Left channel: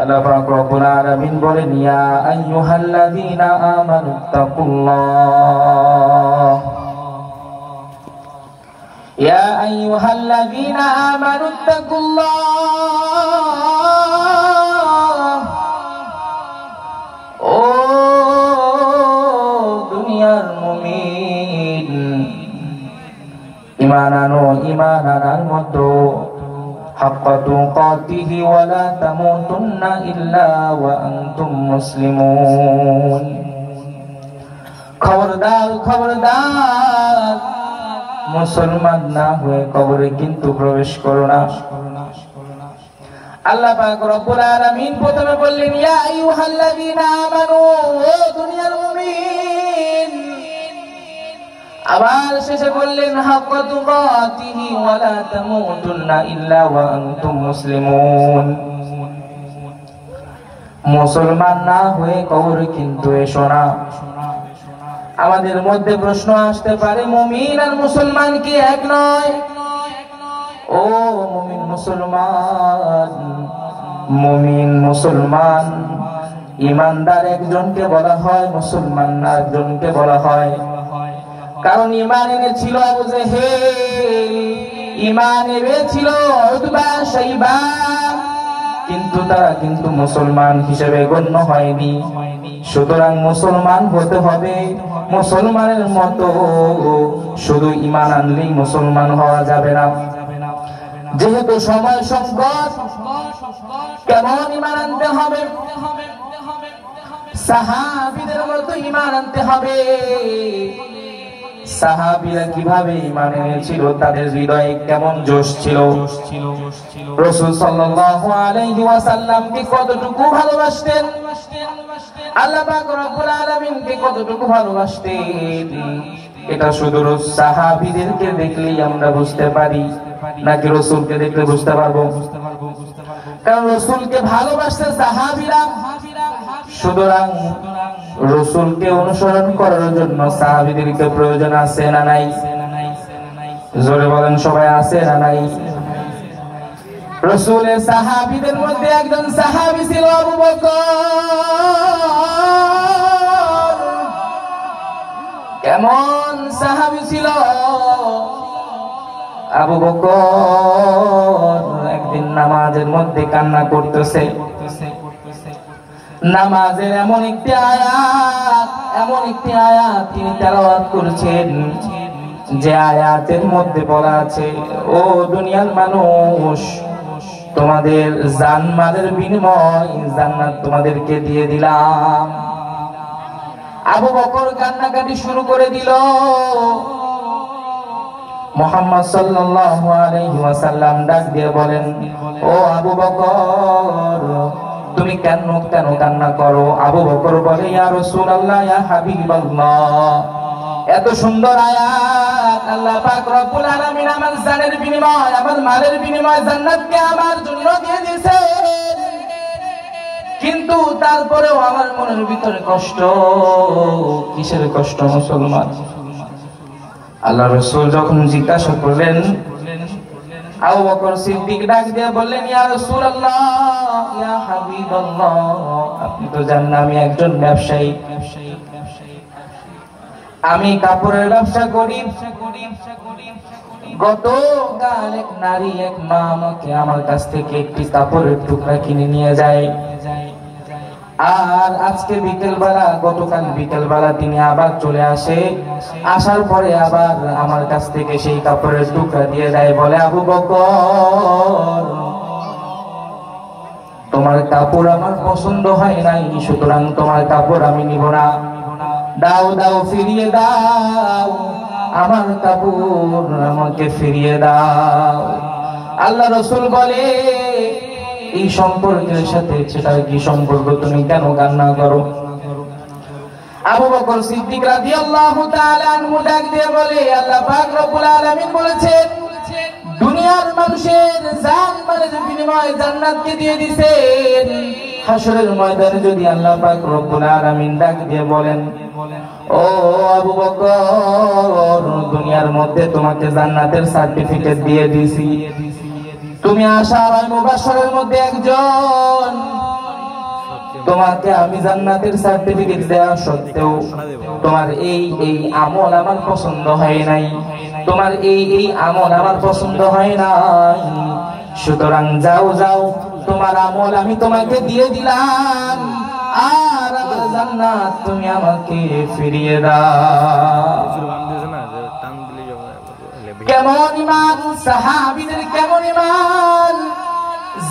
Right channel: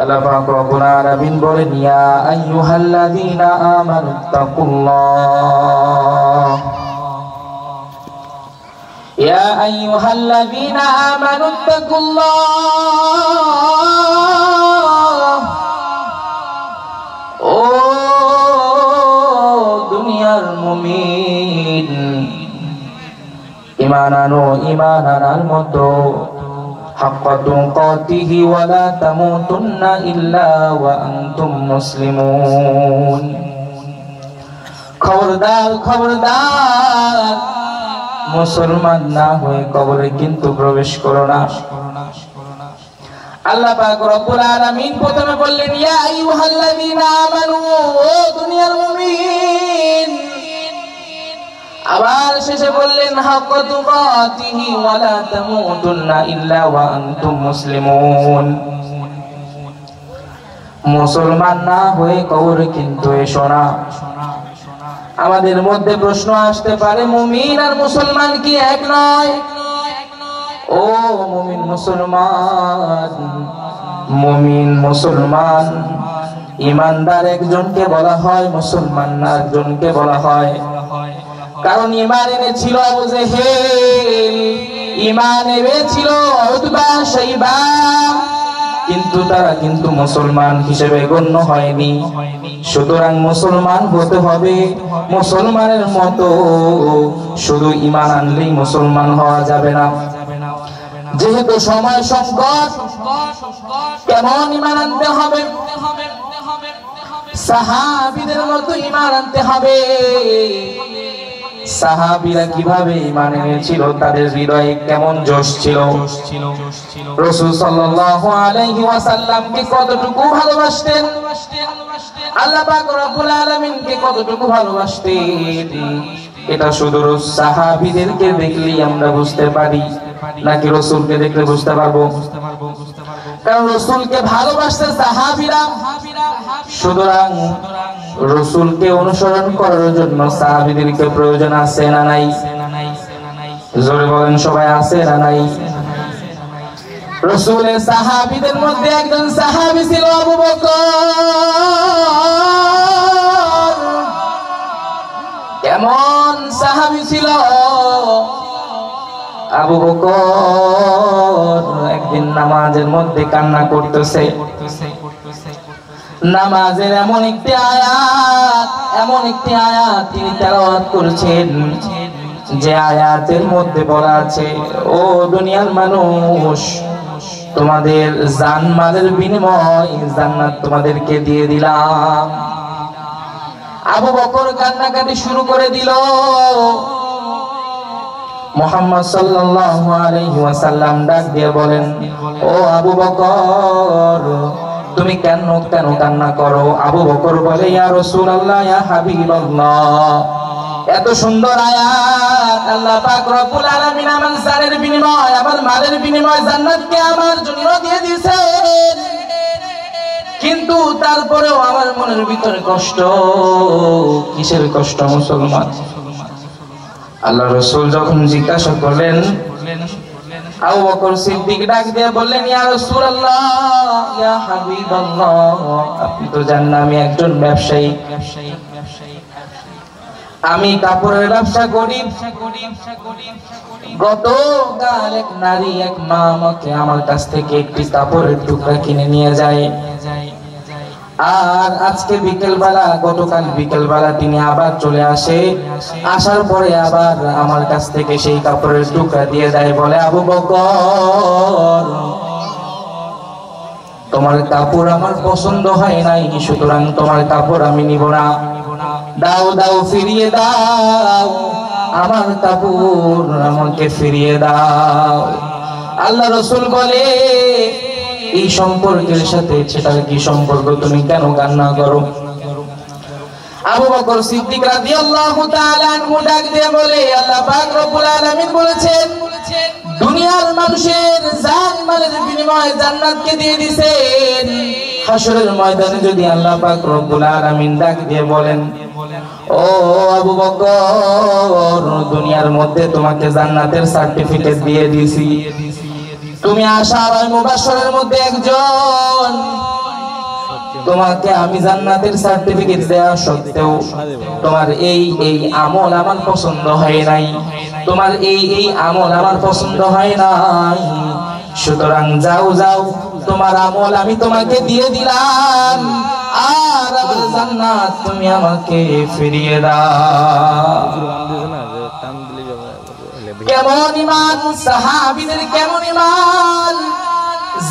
আল্লাহ পাক রব্বুল আলামিন বলেন, ইয়া আইয়ুহাল্লাযীনা আমানুত্তাকুল্লাহ, ইয়া আইয়ুহাল্লাযীনা আমানুত্তাকুল্লাহ, ও দুনিয়ার মুমিন, ঈমান আনার মতো হাক্কা তুকাতিহি ওয়া লা তামুতুন্না ইল্লা ওয়া আনতুম মুসলিমুন। খবরদার, মুসলমান না হয়ে কবরে কিন্তু প্রবেশ করো না। আল্লাহ পাক রব্বুল আলামিন প্রথমে বললেন, ইয়া আইয়ুহাল্লাযীনা আমানু, ও দুনিয়ার মুমিন। আবার শেষে বললেন, হাক্কা তুকাতিহি ওয়া লা তামুতুন্না ইল্লা ওয়া আনতুম মুসলিমুন। মুসলমান না হয়ে কবরে কিন্তু এসো না। আমাদের মধ্যে প্রশ্ন আসতে পারে, মুমিন আর মুসলমান কি এক নয়? ও মুমিন মুসলমান, ইমানদার একজনকে বলা হয়, মুসলমান না একজনকে বলা হয়। কারণ ঈমান এনেছিল আবু জেহেল, ঈমান এনেছিল উতবা শাইবা, কিন্তু তারা কিন্তু মুসলমান হিসেবে গণ্য হয়নি। সুতরাং মুসলমান হতে হবে, মুসলমানের মতো শুধু ঈমান আনলেই মুসলমান হওয়া যাবে না। যেহেতু সময় সংকট, কেমন ঈমান আনতে হবে? সাহাবীদের মতো ঈমান আনতে হবে। সাহাবীরা কিভাবে ঈমান এনেছিল, তাদের হৃদয়ে কেমন জোশ ছিল, রাসূল সাল্লাল্লাহু আলাইহি ওয়াসাল্লামকে কতটুকু ভালোবাসতেন, আল্লাহ পাক রব্বুল আলামিনকে কতটুকু ভালোবাসতেন, এটা শুধু সাহাবীদেরকে দেখলেই আমরা বুঝতে পারি, নাকি রাসূলকে দেখলে বুঝতে পারবো? কারণ রাসূলকে ভালোবাসতে সাহাবীরা। সুতরাং রাসূলকে অনুসরণ করার জন্য সাহাবীদেরকে প্রয়োজন আছে না নাই? জোরে বলেন সবাই, আছে না নাই? রাসূলের সাহাবীদের মধ্যে একজন সাহাবী ছিল আবু বকর। কেমন সাহাবী ছিল আবু বকর? একদিন নামাজের মধ্যে কান্না করতেছে। নামাজের এমন একটি আয়াত তিনি তেলাওয়াত করেছেন, যে আয়াতের মধ্যে বলা আছে, ও দুনিয়ার মানুষ, তোমাদের জানমালের বিনিময় জান্নাত তোমাদেরকে দিয়ে দিলাম। আবু বকর কান্নাকাটি শুরু করে দিল। মুহাম্মদ সাল্লাল্লাহু আলাইহি ওয়াসাল্লাম ডাক দিয়ে বলেন, ও আবু বকর, তুমি কেন কান্না করো? আবু বকর বলে, ইয়া রাসূলুল্লাহ, ইয়া হাবিবাল্লাহ, এত সুন্দর আয়াত, আল্লাহ পাক রব্বুল আলামিন আমার জানের বিনিময়, আমার মালের বিনিময় জান্নাতকে আমার জন্য দিয়ে দিয়েছেন, কিন্তু তারপরেও আমার মনের ভিতরে কষ্ট। কিসের কষ্ট মুসলমান? আল্লাহ রাসূল যখন জিজ্ঞাসা করলেন, আবু বকর সিদ্দিক ডাক দিয়ে বললেন, ইয়া রাসূলুল্লাহ, ইয়া হাবিবাল্লাহ, আপনি তো জানেন আমি একজন ব্যবসায়ী, আমি কাপড়ের ব্যবসা করি। গতকাল এক নারী, এক মা আমাকে আমার কাছ থেকে একটি কাপড়ের টুকরা কিনে নিয়ে যায়, আর আজকে বিকেলবেলা, গতকাল বিকেলবেলা তিনি আবার চলে আসে, আসার পরে আবার আমার কাছ থেকে সেই কাপড়ের টুকরা দিয়ে যায়, বলে, আবু বকর, তোমার কাপড় আমার পছন্দ হয় নাই, সুতরাং তোমার কাপড় আমি নিব না, দাও ফিরিয়ে দাও, আমার কাপড় আমাকে ফিরিয়ে দাও। আল্লাহ রাসূল বলে, এই সম্পর্কের সাথে সেটার কি সম্পর্ক? তুমি কেন কান্না করো? আবু বকর সিদ্দিক রাদিয়াল্লাহু তাআলা আনহু ডাক দিয়ে বলে, আল্লাহ পাক রব্বুল আলামিন বলেছেন, দুনিয়ার মানুষের জান মালের বিনিময়ে জান্নাতকে দিয়ে দিবেন। হাসরের ময়দানে যদি আল্লাহ পাক রব্বুল আলামিন ডাক দিয়ে বলেন, ও আবু বকর, দুনিয়ার মধ্যে তোমাকে জান্নাতের সার্টিফিকেট দিয়ে দিয়েছি, তুমি আশারায়ে মুবাশশারের মধ্যে একজন, তোমাকে আমি জান্নাতের সার্টিফিকেট দেওয়া সত্ত্বেও তোমার এই আমল আমার পছন্দ হয় নাই, তোমার এই আমল আমার পছন্দ হয় নাই, সুতরাং যাও যাও তোমার আমল আমি তোমাকে দিয়ে দিলাম, আর আমার জান্নাত তুমি আমাকে ফিরিয়ে দাও। কেমন ঈমান সাহাবীদের, কেমন ঈমান!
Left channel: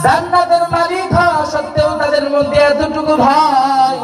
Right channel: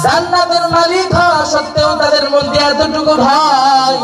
জান্নাতের মালিক হওয়া সত্ত্বেও তাদের মধ্যে এতটুকু ভয়